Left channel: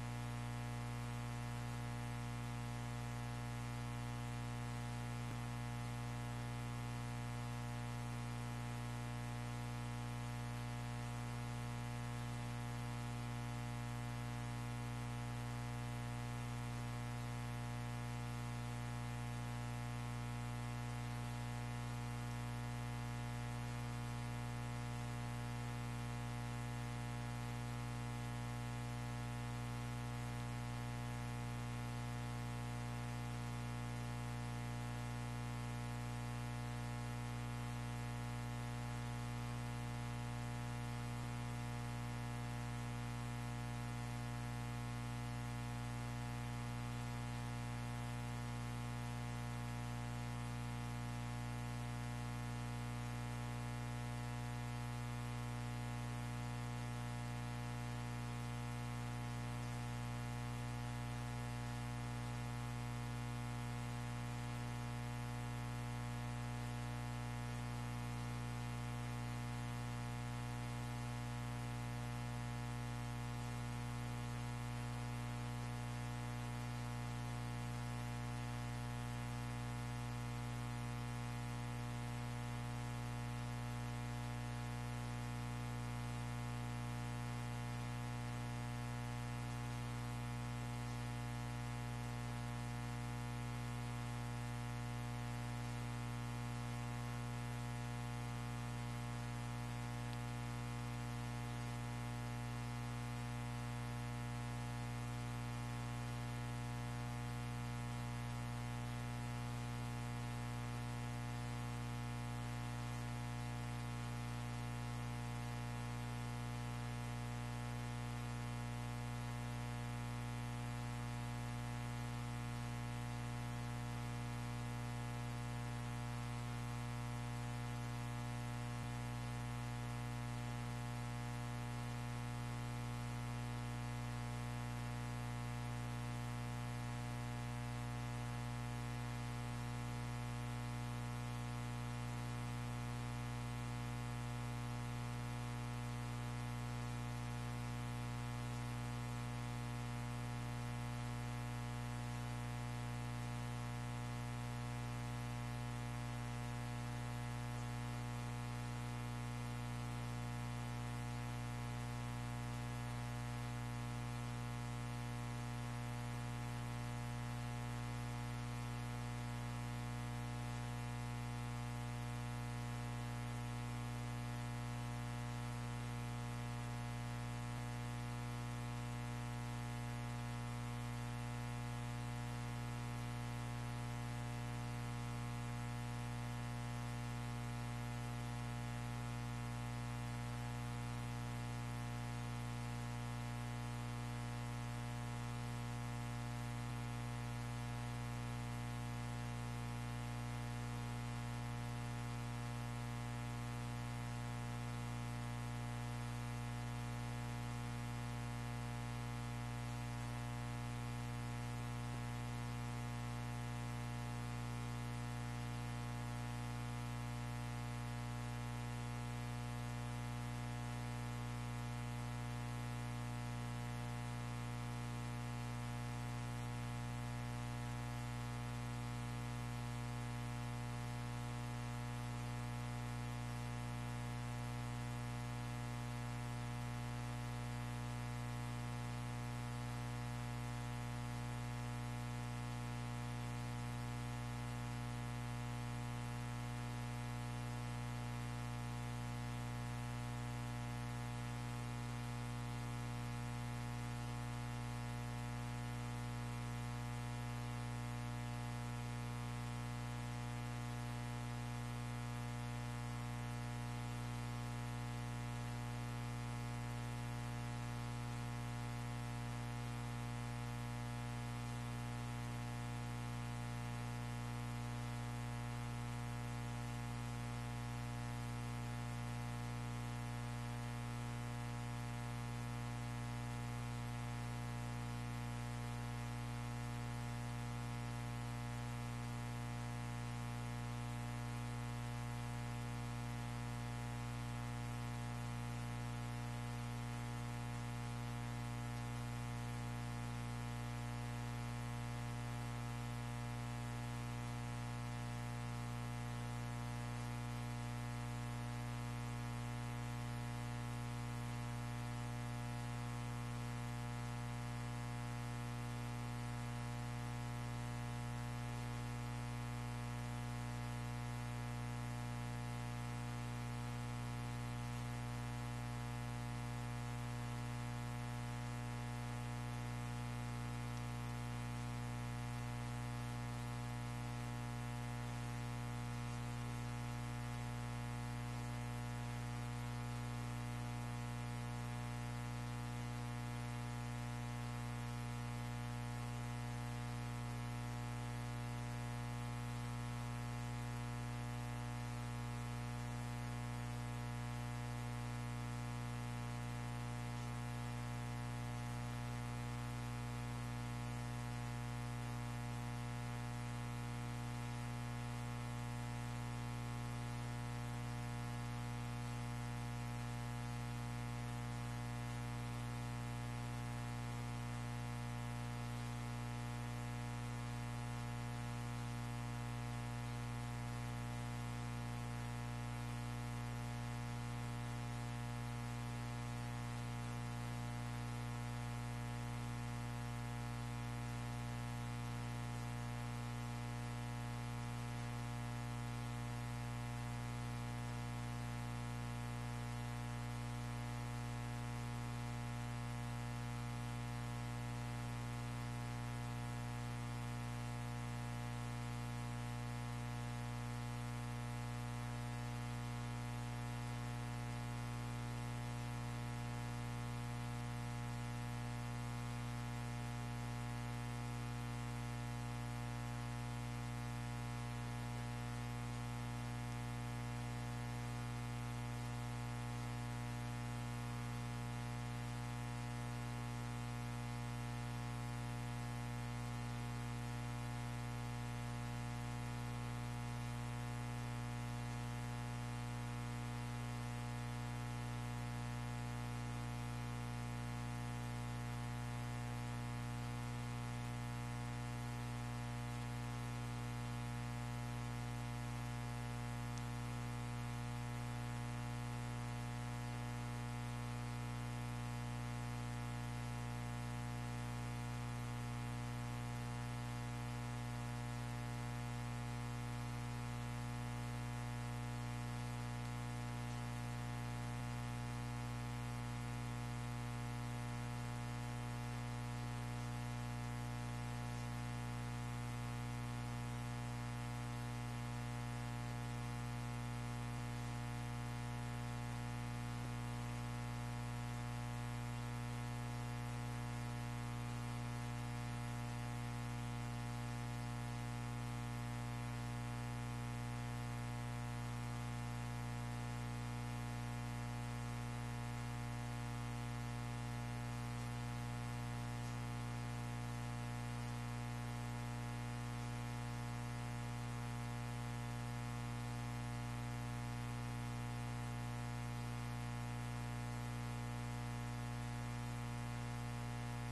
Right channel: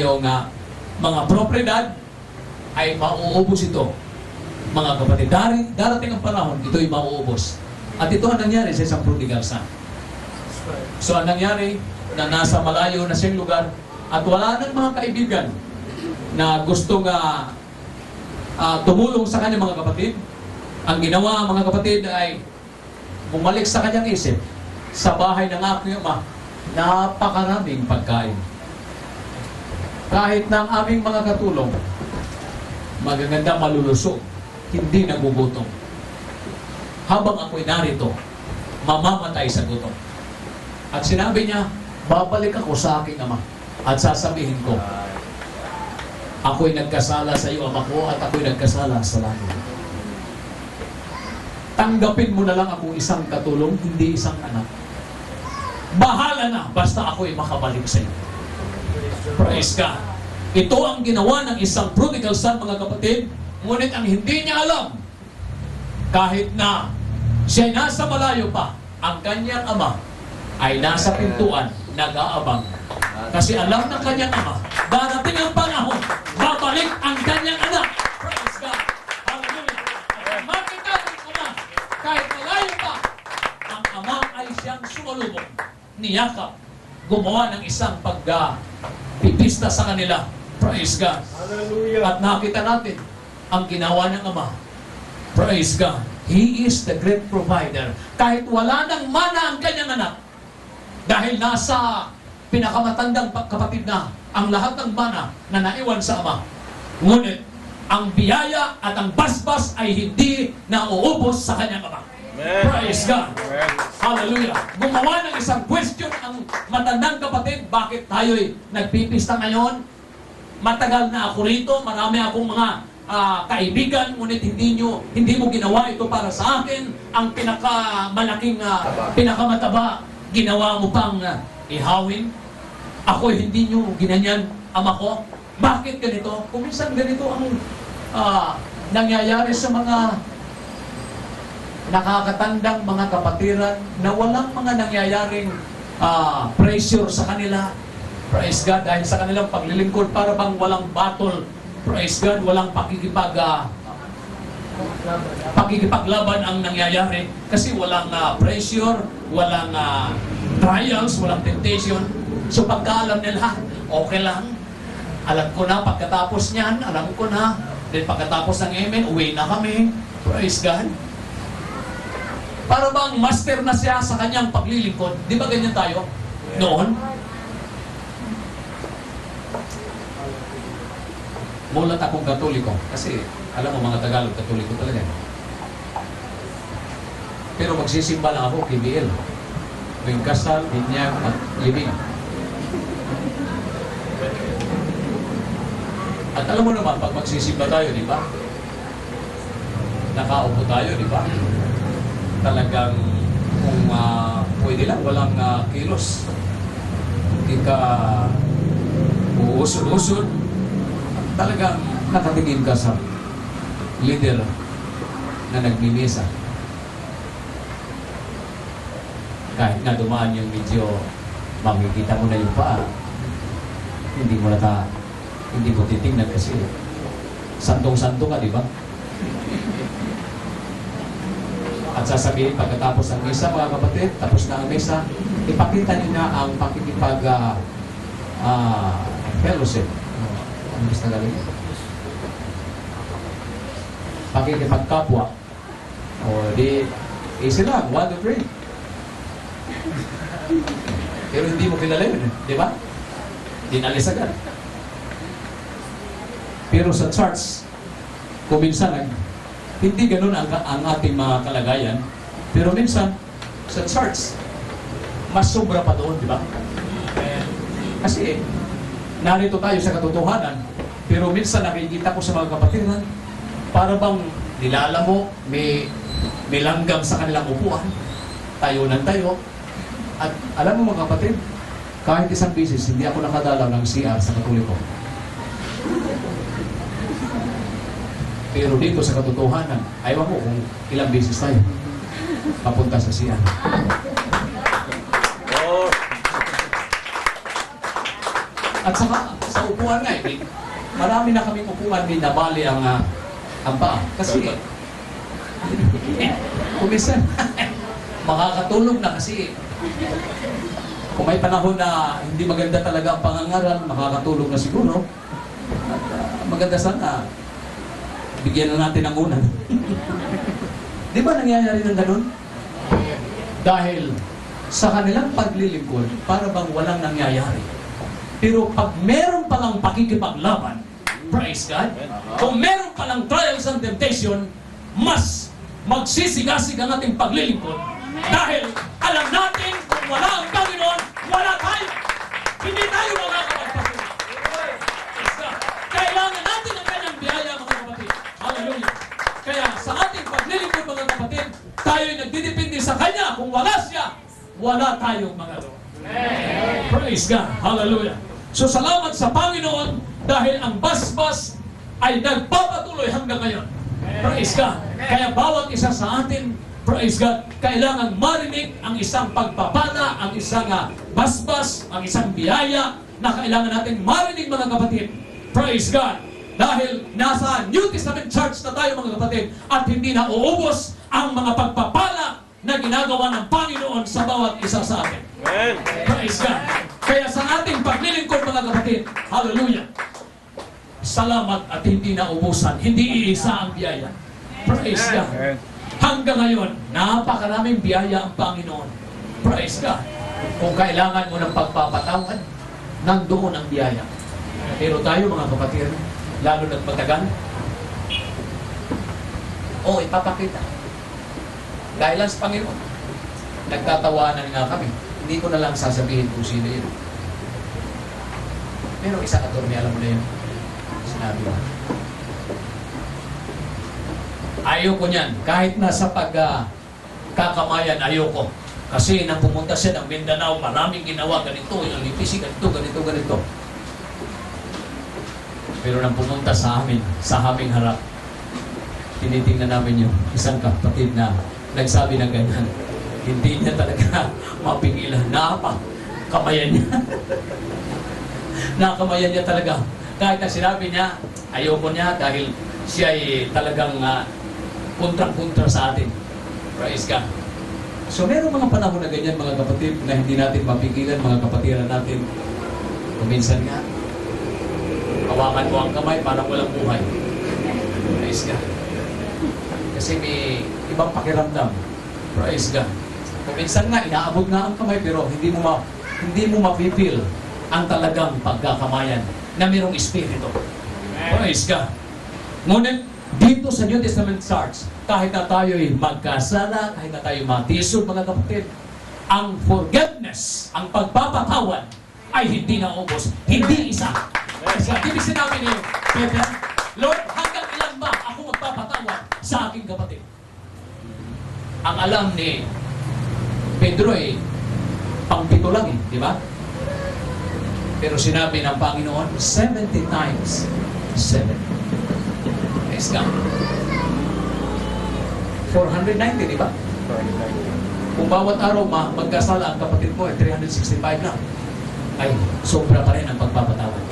yung mga propriedad ay mauubos ito. Mga kapatid, darating ang panahon, ito'y mauubos. At ito ang nangyari sa isang prodigal son. So ang nangyari, na nasa malayo na siyang lugar, at wala nang mga kaibigan na gustong tumulong sa kanyang mga kapatid. Ang ginawa mga kapatid ay bumalik sa kanyang isip, sa bahay ng aking ama, napakaraming pagkain. Kahit na ang aming mga katulong, magaganda malulusog, hindi nagugutom. Habang ako'y narito, mamamatay sa gutom. At sinabi niya, babalik ako sa aking ama at sasabihin ko, ako'y nagkasala sa iyo, ama ko, at ako'y nagkasala sa langit. Tanggapin mo na lang ako isang katulong, hindi isang anak. Bahala na, basta ako'y makabalik sa iyo. Praise God. Ito ang ginawa ng isang prodigal son, mga kapatid. Ngunit ang hindi niya alam, kahit na siya nasa malayo pa, ang kanyang ama ay nasa pintuan, nag-aabang. Kasi alam ng kanyang ama, darating ang panahon, babalik ang kanyang anak. Praise God. Hallelujah. Makita ng ama, kahit malayo pa, ang ama ay siyang sumalubong, niyakap, gumawa ng isang pipista sa kanila. Praise God. Hallelujah. At nakita natin ang ginawa ng ama. Praise God. He is the great provider. Kahit wala nang mana ang kanyang anak, dahil nasa pinakamatandang kapatid na ang lahat ng mana na naiwan sa ama. Ngunit, ang biyaya at ang basbas ay hindi nauubos sa kanyang ama. Amen. Praise God. Amen. Hallelujah. Gumawa ng isang question ang matandang kapatid, bakit tayo'y nagpipista ngayon? Matagal na ako rito, marami akong mga kaibigan, ngunit hindi mo ginawa ito para sa akin. Ang pinakamalaking, pinakamataba, ginawa mo pang ihawin. Ako hindi nyo ginanyan, ama ko. Bakit ganito? Kung minsan ganito ang nangyayari sa mga nakakatandang mga kapatiran na walang mga nangyayaring pressure sa kanila. Praise God, dahil sa kanilang paglilingkod, para bang walang battle. Praise God, walang pakikipaglaban ang nangyayari. Kasi walang pressure, walang trials, walang temptation. So pagkaalam nila, okay lang. Alam ko na, pagkatapos niyan, alam ko na. Then pagkatapos ng amen, uwi na kami. Praise God. Para bang master na siya sa kanyang paglilingkod. Di ba ganyan tayo? Noon? Mulat akong Katoliko. Kasi, alam mo mga Tagalog, Katoliko talaga. Pero magsisimba lang ako, KBL. Tuwing kasal, binyag, at libing. At alam mo naman, pag magsisimba tayo, di ba? Nakaupo tayo, di ba? Talagang, kung pwede lang, walang kilos. Hindi ka uusod-usod. Talagang nakatingin ka sa leader na nagmimisa. Kahit na dumaan yung medyo makikita mo na yung paa, hindi mo titingnan kasi santong-santo ka, di ba? At sasabihin pagkatapos ng misa, mga kapatid, tapos na ang misa, ipakita niyo na ang fellowship. Ano gusto na galing? Pakikipagkapwa. O di, easy lang, 1, 2, 3. Pero hindi mo kilala yun, di ba? Dinalis agad. Pero sa charts, kung minsan, hindi ganun ang ating mga kalagayan. Pero minsan, sa charts, mas sobra pa doon, di ba? Kasi, narito tayo sa katotohanan, pero minsan nakikita ko sa mga kapatiran, para bang nilala mo, may langgam sa kanilang upuan, tayo ng tayo. At alam mo mga kapatid, kahit isang beses, hindi ako nakadalaw ng CR sa Katoliko. Pero dito sa katotohanan, ayaw ko kung ilang beses tayo papunta sa CR. At saka, sa upuan nga eh. Marami na kaming upuan, may nabali ang paa. Kasi, kumisan, makakatulog na kasi kung may panahon na hindi maganda talaga ang pangangaral, makakatulog na siguro. At maganda sana, bigyan na natin ng unan. Di ba nangyayari ng ganun? Dahil sa kanilang paglilingkod, para bang walang nangyayari. Pero pag meron palang pakikipaglaban, praise God, kung meron palang trials and temptation, mas magsisigasig ang ating paglilingkod. Dahil alam natin kung wala ang Panginoon, wala tayo. Hindi tayo makakapagpatuloy. Kailangan natin ang kanyang biyaya, mga kapatid. Hallelujah. Kaya sa ating paglilingkod, mga kapatid, tayo'y nagdidepende sa Kanya. Kung wala siya, wala tayong magagawa. Praise God. Hallelujah. So salamat sa Panginoon dahil ang basbas ay nagpapatuloy hanggang ngayon. Praise God. Kaya bawat isa sa atin, praise God, kailangan marinig ang isang pagpapala, ang isang basbas, ang isang biyaya na kailangan natin marinig, mga kapatid. Praise God. Dahil nasa New Testament Church na tayo, mga kapatid, at hindi na uubos ang mga pagpapala na ginagawa ng Panginoon sa bawat isa sa atin. Amen. Praise God. Kaya sa ating paglilingkod, mga kapatid, hallelujah, salamat at hindi na ubusan, hindi iisa ang biyaya. Praise God. Hanggang ngayon, napakaraming biyaya ang Panginoon. Praise God. Kung kailangan mo ng pagpapatawad, nandoon ang biyaya. Pero tayo, mga kapatid, lalo na't matagal, ipapakita. Dahil lang sa Panginoon, nagtatawanan nga kami. Hindi ko na lang sasabihin kung sino yun. Pero isa attorney, alam mo na yun. Sinabi ko. Ayoko niyan. Kahit nasa pagkakamayan, ayoko. Kasi nang pumunta siya ng Mindanao, maraming ginawa, ganito, yung lipisi, ganito. Pero nang pumunta sa amin, sa aming harap, tinitingnan namin yung isang kapatid na nagsabi ng ganyan. Hindi niya talaga mapigilan. Kamayan niya. Nakamayan niya talaga. Kahit na sinabi niya, ayoko niya dahil siya ay talagang kontrang-kontra sa atin. Praise God. So meron mga panahon na ganyan, mga kapatid, na hindi natin mapigilan, mga kapatiran natin. Kuminsan nga, hawakan mo ang kamay, parang walang buhay. Praise God. Kasi may ibang pakiramdam. Praise God. Kuminsan nga, inaabot nga ang kamay, pero hindi mo mapipil ang talagang pagkakamayan na mayroong espiritu. Praise God. Ngunit, dito sa New Testament Church, kahit na tayo'y magkasala, kahit na tayo'y matisod, mga kapatid, ang forgiveness, ang pagpapatawad, ay hindi na ubos, hindi isa. Kasi ibig sinabi niyo, Peter, Lord, hanggang ilan ba ako magpapatawad sa aking kapatid? Ang alam ni Pedro pang-pito lang di ba? Pero sinabi ng Panginoon, 70 times 7. Praise God. 490, di ba? Kung bawat araw magkasala ang kapatid mo, 365 lang. Ay, sobra pa rin ang pagpapatawad.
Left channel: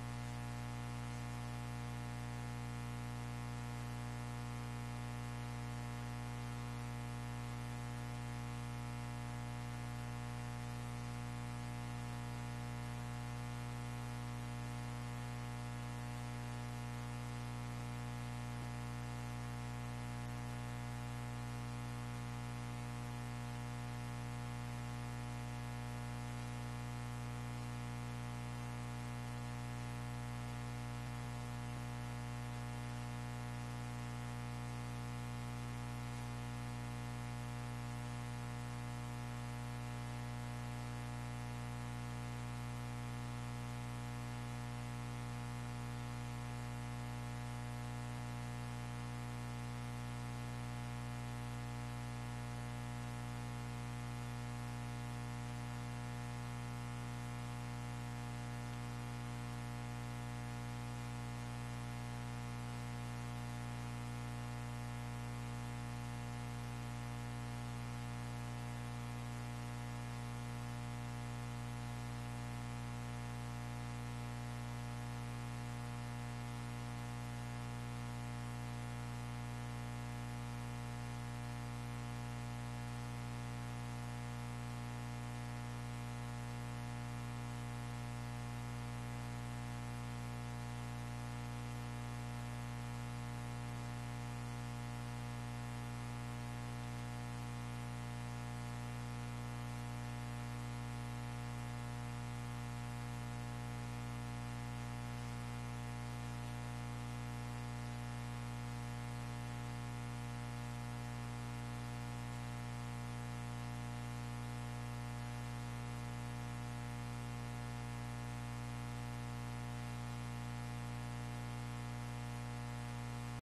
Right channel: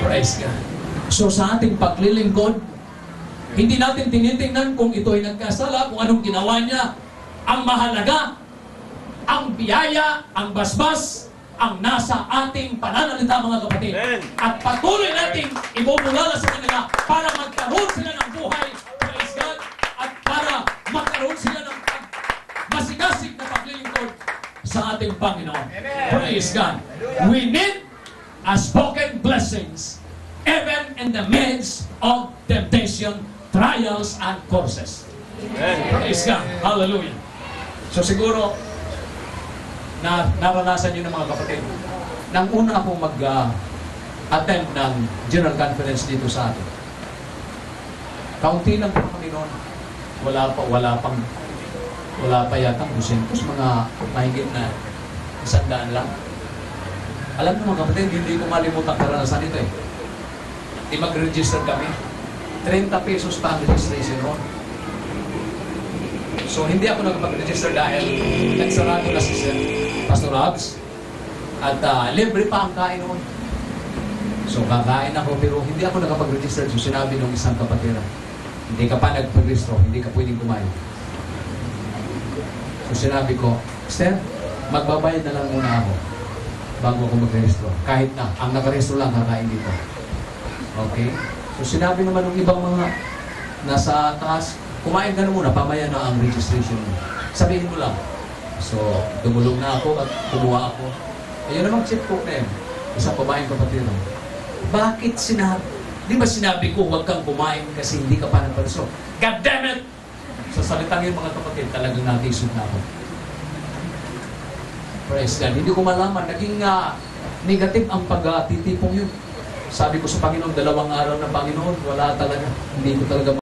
Praise God. So sa ating paglilingkod, hindi natin tinitingnan kung ito ay nagkasala, kung anong ginawa niya. Ang mahalaga, ang biyaya, ang basbas, ang nasa ating pananalita, mga kapatid. At patuloy nating ibubulala sa kanila para magkaroon sila ng buhay, praise God, at para magkaroon sila ng masigasig na paglilingkod sa ating Panginoon. Praise God. We need a spoken blessings even in the midst of temptation, trials, and courses. Praise God. Hallelujah. So siguro, naranasan nyo ng mga kapatid. Nang una akong mag-attend ng General Conference dito sa atin, kaunti lang po kami noon. Wala pa yatang 200, mga mahigit na 100 lang. Alam mo mga kapatid, hindi ko malimutan karanasan ito Di mag-register kami. 30 pesos pa ang registration noon. So hindi ako nagpag-register dahil nagsarado na si Pastor Hobbs. At libre pa ang kain noon. So kakain ako pero hindi ako nakapag-register. So sinabi ng isang kapatira, hindi ka pa nagpag-registro, hindi ka pwedeng kumain. So sinabi ko, Sir, magbabayad na lang muna ako bago ako mag-registro. Kahit na, ang nag-registro lang kakain dito. Okay? So sinabi naman ng ibang mga nasa taas, kumain ka na muna, pamaya na ang registration mo. Sabihin mo lang. So, dumulong na ako at kumuha ako. Ayun namang chip cook na yun. Isang babaeng kapatid. Bakit sinabi? Di ba sinabi ko huwag kang kumain kasi hindi ka pa nagparisok? God damn it! Sa salitang yun mga kapatid, talagang natisod na ako. Praise God. Hindi ko malaman. Naging negative ang pagtitipong yun. Sabi ko sa Panginoon, 2 araw na Panginoon, wala talaga. Hindi ko talaga